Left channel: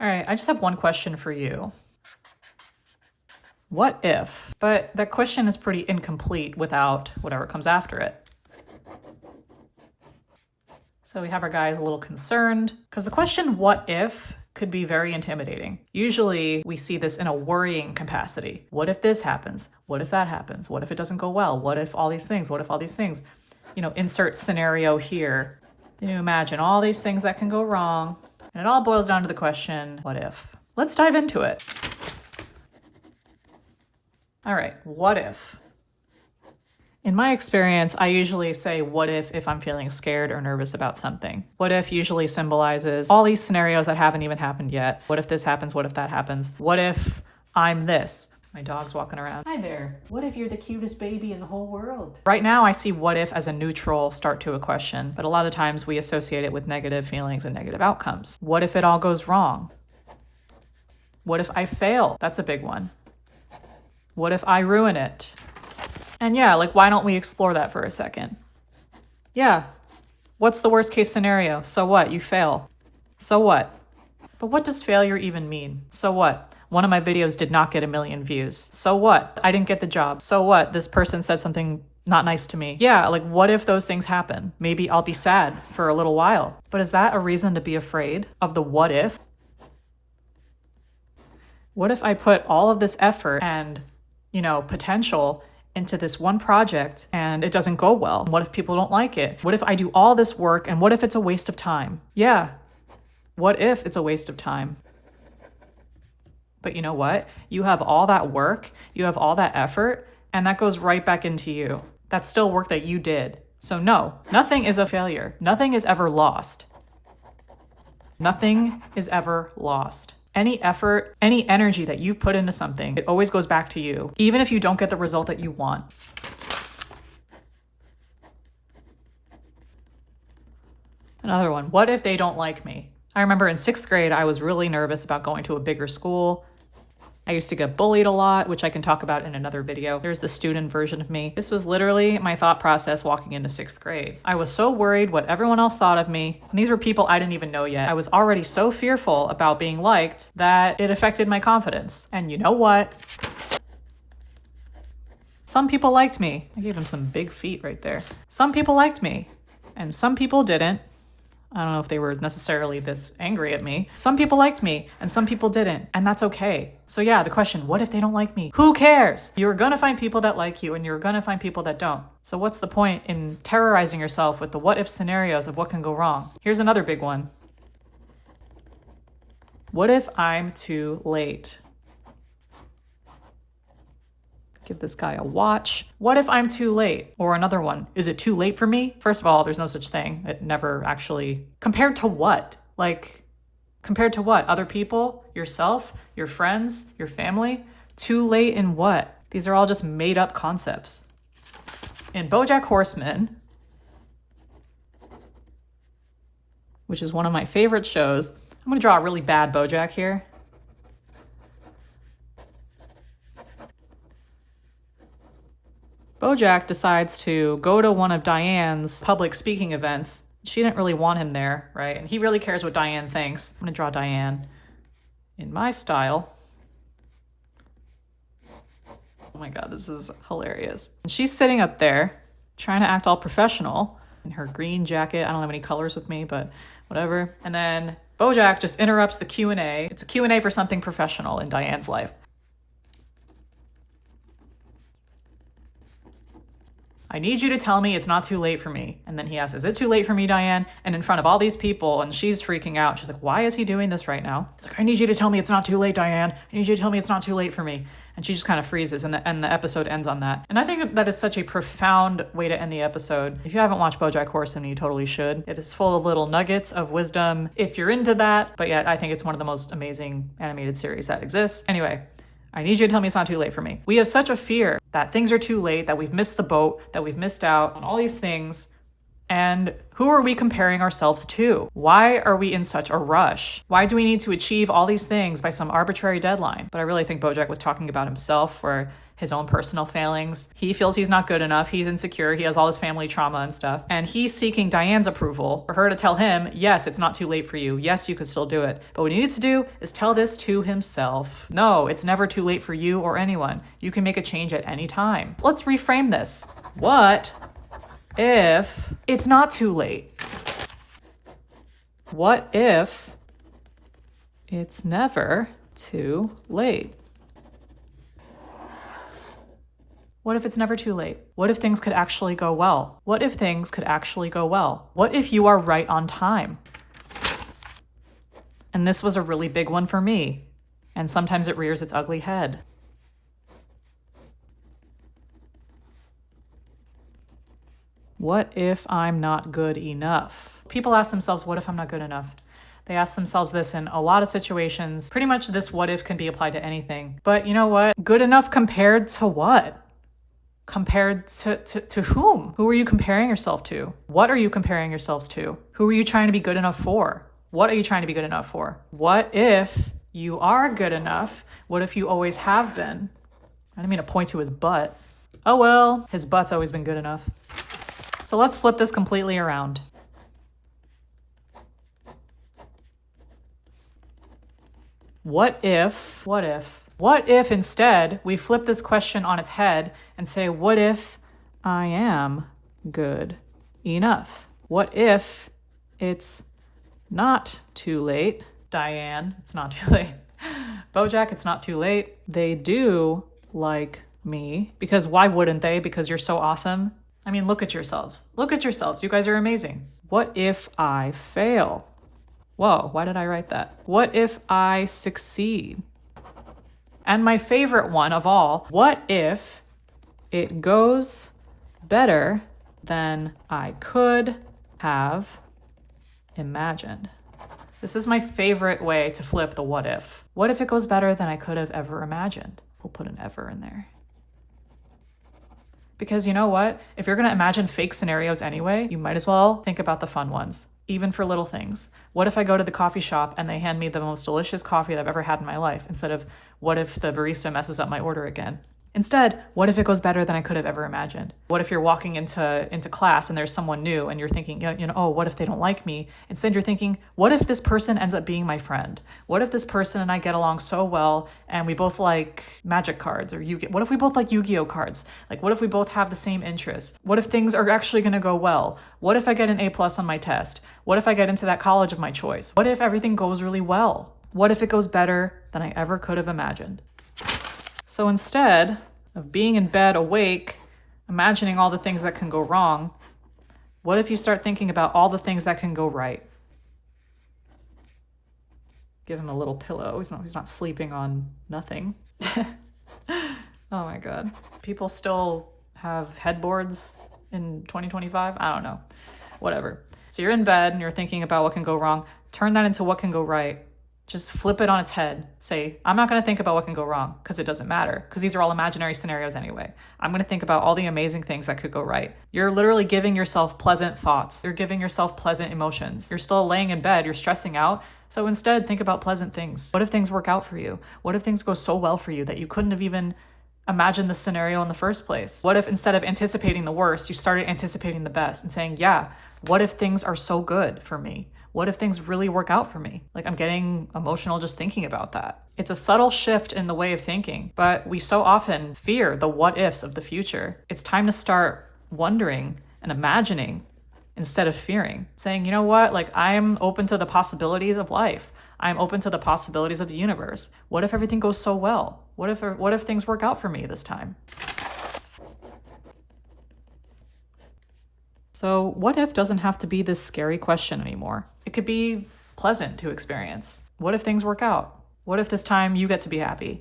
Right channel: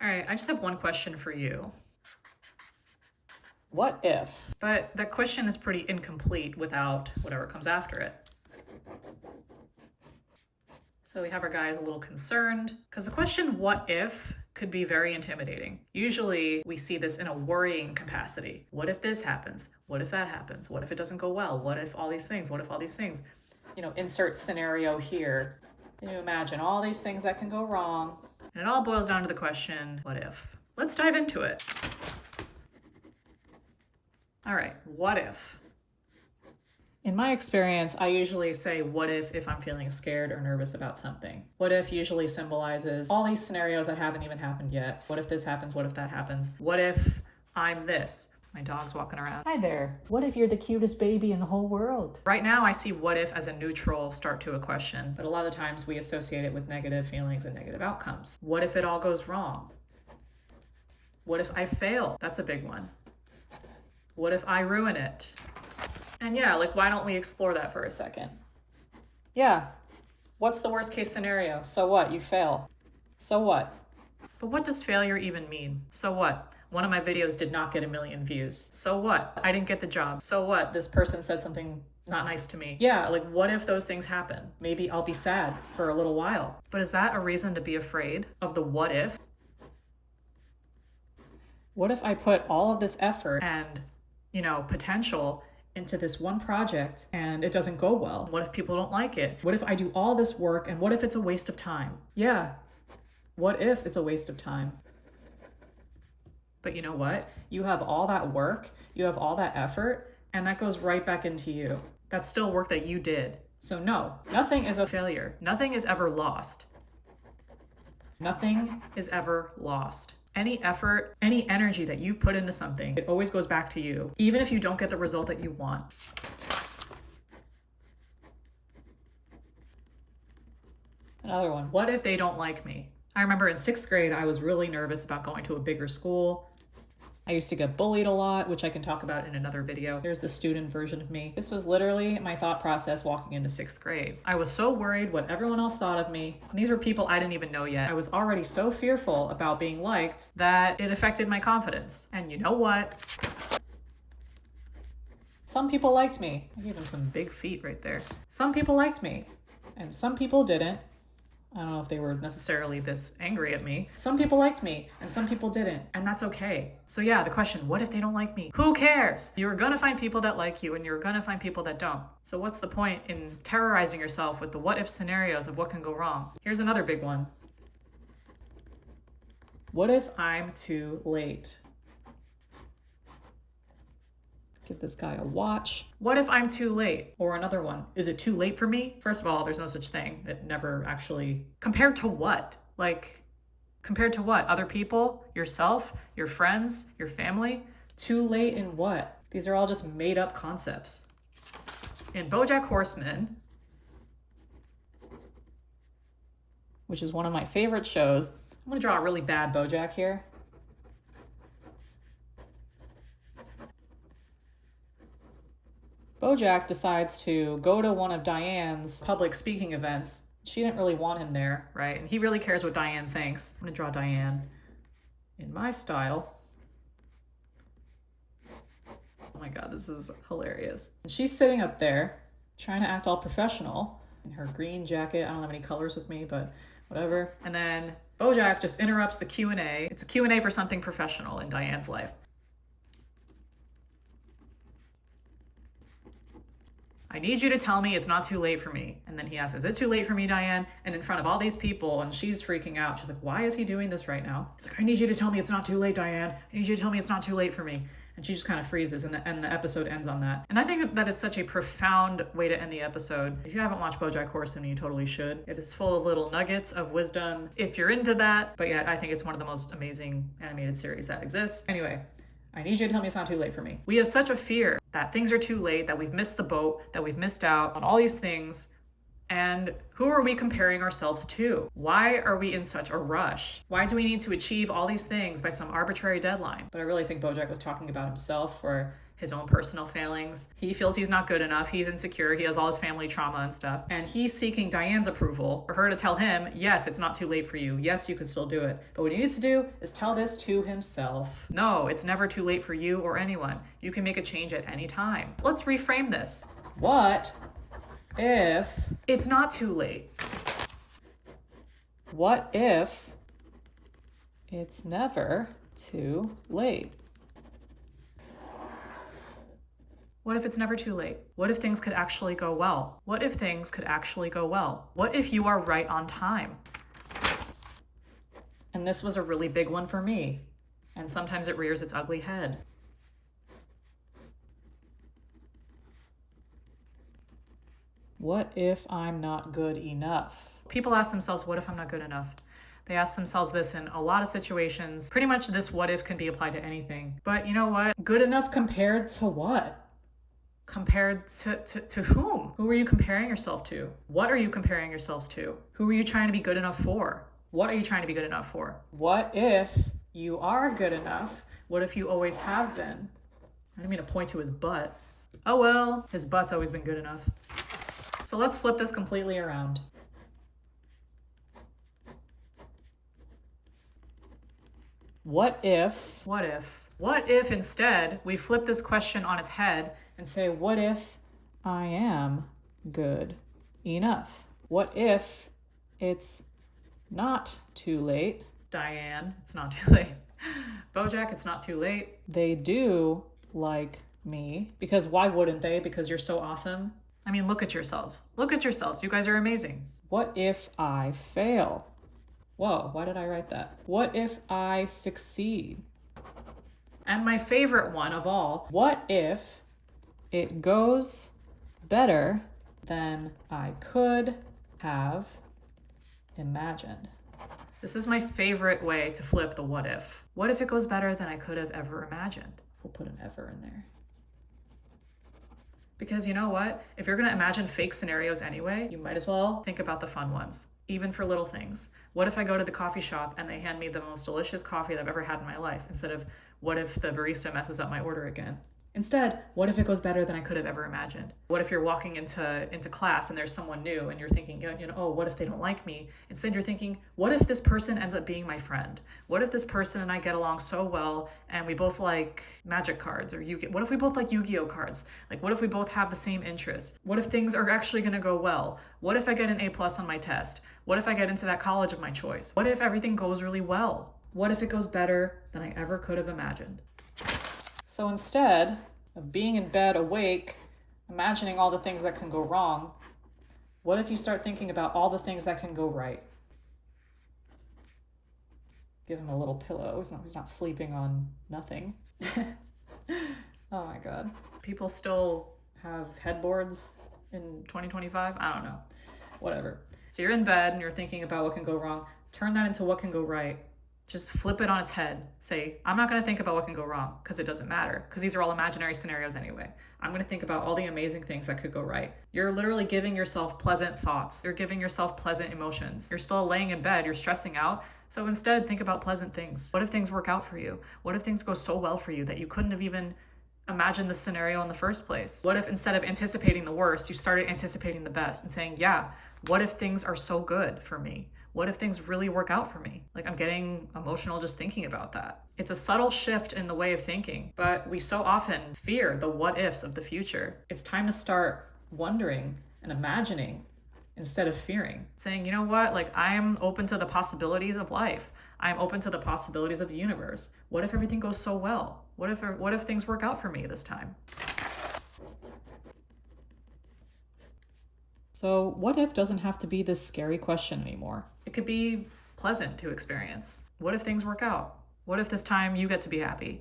All right, I just have one question for you. What if? But that question is pretty incomplete without whatever comes after it. So we have our guys a little concerned because the question, what if, could be very intimidating. Usually we see this in a worrying capacity. What if this happens? What if that happens? What if it doesn't go well? What if all these things? What if all these things? Insert scenario here. You imagine all these things that can go wrong. And it all boils down to the question, what if? Let's dive into it. All right, what if? In my experience, I usually say what if I'm feeling scared or nervous about something. What if usually symbolizes all these scenarios that haven't even happened yet. What if this happens? What if that happens? What if I'm this? My dog's walking around. Hi there. What if you're the cutest baby in the whole world? Right now, I see what if as a neutral start to a question, but a lot of times we associate it with negative feelings and negative outcomes. What if it all goes wrong? What if I fail? That's a big one. What if I ruin it? And yeah, why don't we explore that for a second? Yeah, what's the worst case scenario? So what? You fail. So what? But what does failure even mean? So what? One of my videos did not get 1 million views. So what? I didn't get the job. So what? This person said something not nice to me. Yeah, what if those things happen? Maybe I'll be sad for a little while. But is that a reason to be afraid of the what if? What if I put all of this effort and, potential into this one project and it doesn't go well? What if people don't like it? What if I do all this work and what if it's a waste of time? Yeah, what if it's a waste of time? But you know what? You have all that work, you have all that effort, and that goes right back into you. That's still work that you did. So no, nothing is a failure. Nothing is ever lost. Nothing is ever lost. Any effort, any energy that you've put into something, it always goes back to you, even if you don't get the result that you want. Another one, what if they don't like me? I remember in 6th grade, I was really nervous about going to a bigger school. I used to get bullied a lot, which I can talk about in another video. There's the student version of me. This was literally my thought process walking into 6th grade. I was so worried what everyone else thought of me. And these were people I didn't even know yet. I was already so fearful about being liked that it affected my confidence. And you know what? Some people liked me. I gave them some big feet right there. Some people liked me, and some people didn't. I don't know if they were necessarily this angry at me. Some people liked me and some people didn't, and that's okay. So yeah, the question, what if they don't like me? Who cares? You're gonna find people that like you and you're gonna find people that don't. So what's the point in terrorizing yourself with the what if scenarios of what can go wrong? Here's another big one. What if I'm too late? Give this guy a watch. What if I'm too late? Or another one, is it too late for me? First of all, there's no such thing. It never actually, compared to what? Compared to what? Other people? Yourself? Your friends? Your family? Too late in what? These are all just made up concepts. In BoJack Horseman, which is one of my favorite shows, I'm gonna draw a really bad BoJack here. BoJack decides to go to one of Diane's public speaking events. She didn't really want him there, right? And he really cares what Diane thinks. I'm gonna draw Diane in my style. Oh my God, this is hilarious. And she's sitting up there trying to act all professional in her green jacket. I don't have any colors with me, but whatever. And then BoJack just interrupts the Q&A. It's a Q&A for something professional in Diane's life. I need you to tell me it's not too late for me. And then he asks, is it too late for me, Diane? And in front of all these people, and she's freaking out. She's like, why is he doing this right now? He's like, I need you to tell me it's not too late, Diane. I need you to tell me it's not too late for me. And she just kind of freezes, and the episode ends on that. And I think that is such a profound way to end the episode. If you haven't watched BoJack Horseman, you totally should. It is full of little nuggets of wisdom if you're into that. But yet, I think it's one of the most amazing animated series that exists. Anyway, I need you to tell me it's not too late for me. We have such a fear that things are too late, that we've missed the boat, that we've missed out on all these things. And who are we comparing ourselves to? Why are we in such a rush? Why do we need to achieve all these things by some arbitrary deadline? But I really think Bojack was talking about himself or his own personal failings. He feels he's not good enough. He's insecure. He has all his family trauma and stuff. And he's seeking Diane's approval for her to tell him, yes, it's not too late for you. Yes, you could still do it. But what he needs to do is tell this to himself. No, it's never too late for you or anyone. You can make a change at any time. Let's reframe this. What if it's not too late? What if it's never too late? What if it's never too late? What if things could actually go well? What if things could actually go well? What if you are right on time? And this was a really big one for me. And sometimes it rears its ugly head. What if I'm not good enough? People ask themselves, what if I'm not good enough? They ask themselves this in a lot of situations. Pretty much this what if can be applied to anything. But you know what? Good enough compared to what? Compared to whom? Who are you comparing yourself to? What are you comparing yourselves to? Who are you trying to be good enough for? What are you trying to be good enough for? What if you are good enough? What if you always have been? I didn't mean to point to his butt. Oh well, his butt's always been good enough. So let's flip this completely around. What if instead we flip this question on its head and say, what if I am good enough? What if it's not too late? Diane, it's not too late. Bojack, it's not too late. They do like me. Because why wouldn't they? Because you're so awesome. I mean, look at yourselves. Look at yourselves. You guys are amazing. What if I fail? Whoa, why did I write that? What if I succeed? And my favorite one of all, what if it goes better than I could have imagined? This is my favorite way to flip the what if. What if it goes better than I could have ever imagined? We'll put an ever in there. Because you know what? If you're gonna imagine fake scenarios anyway, you might as well think about the fun ones, even for little things. What if I go to the coffee shop and they hand me the most delicious coffee that I've ever had in my life, instead of what if the barista messes up my order again? Instead, what if it goes better than I could have ever imagined? What if you're walking into class and there's someone new and you're thinking, oh, what if they don't like me? Instead, you're thinking, what if this person ends up being my friend? What if this person and I get along so well and we both like magic cards or Yu-Gi-Oh? What if we both like Yu-Gi-Oh cards? Like, what if we both have the same interests? What if things are actually going to go well? What if I get an A+ on my test? What if I get into that college of my choice? What if everything goes really well? What if it goes better than I ever could have imagined? So instead of being in bed awake, imagining all the things that can go wrong, what if you start thinking about all the things that can go right? Give him a little pillow. He's not sleeping on nothing. Oh my God. People still have headboards in 2025? I don't know. Whatever. So you're in bed and you're thinking about what can go wrong. Turn that into what can go right. Just flip it on its head. Say, I'm not going to think about what can go wrong because it doesn't matter, because these are all imaginary scenarios anyway. I'm going to think about all the amazing things that could go right. You're literally giving yourself pleasant thoughts. You're giving yourself pleasant emotions. You're still laying in bed. You're stressing out. So instead, think about pleasant things. What if things work out for you? What if things go so well for you that you couldn't have even imagined the scenario in the first place? What if instead of anticipating the worst, you started anticipating the best and saying, yeah, what if things are so good for me? What if things really work out for me? Like, I'm getting emotional just thinking about that. It's a subtle shift in the way of thinking, but we so often fear the what ifs of the future. It's time to start wondering and imagining instead of fearing. Saying, you know what? Like, I'm open to the possibilities of life. I'm open to the possibilities of the universe. What if everything goes so well? What if things work out for me this time? So what if doesn't have to be this scary question anymore. It could be pleasant to experience. What if things work out? What if this time you get to be happy?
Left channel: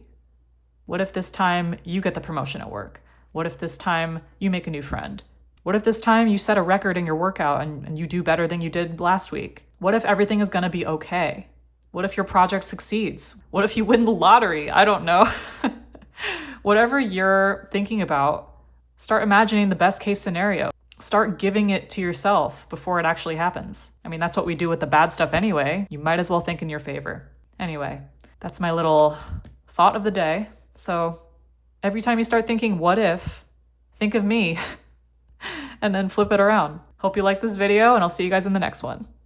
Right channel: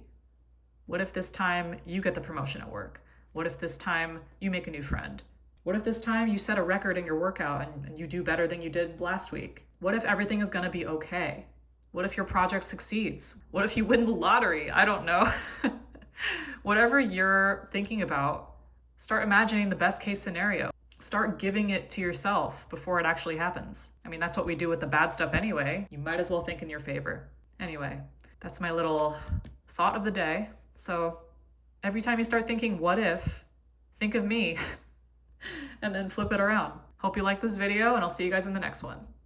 What if this time you get the promotion at work? What if this time you make a new friend? What if this time you set a record in your workout and you do better than you did last week? What if everything is gonna be okay? What if your project succeeds? What if you win the lottery? I don't know. Whatever you're thinking about, start imagining the best case scenario. Start giving it to yourself before it actually happens. I mean, that's what we do with the bad stuff anyway. You might as well think in your favor. Anyway, that's my little thought of the day. So every time you start thinking, what if, think of me and then flip it around. Hope you like this video, and I'll see you guys in the next one.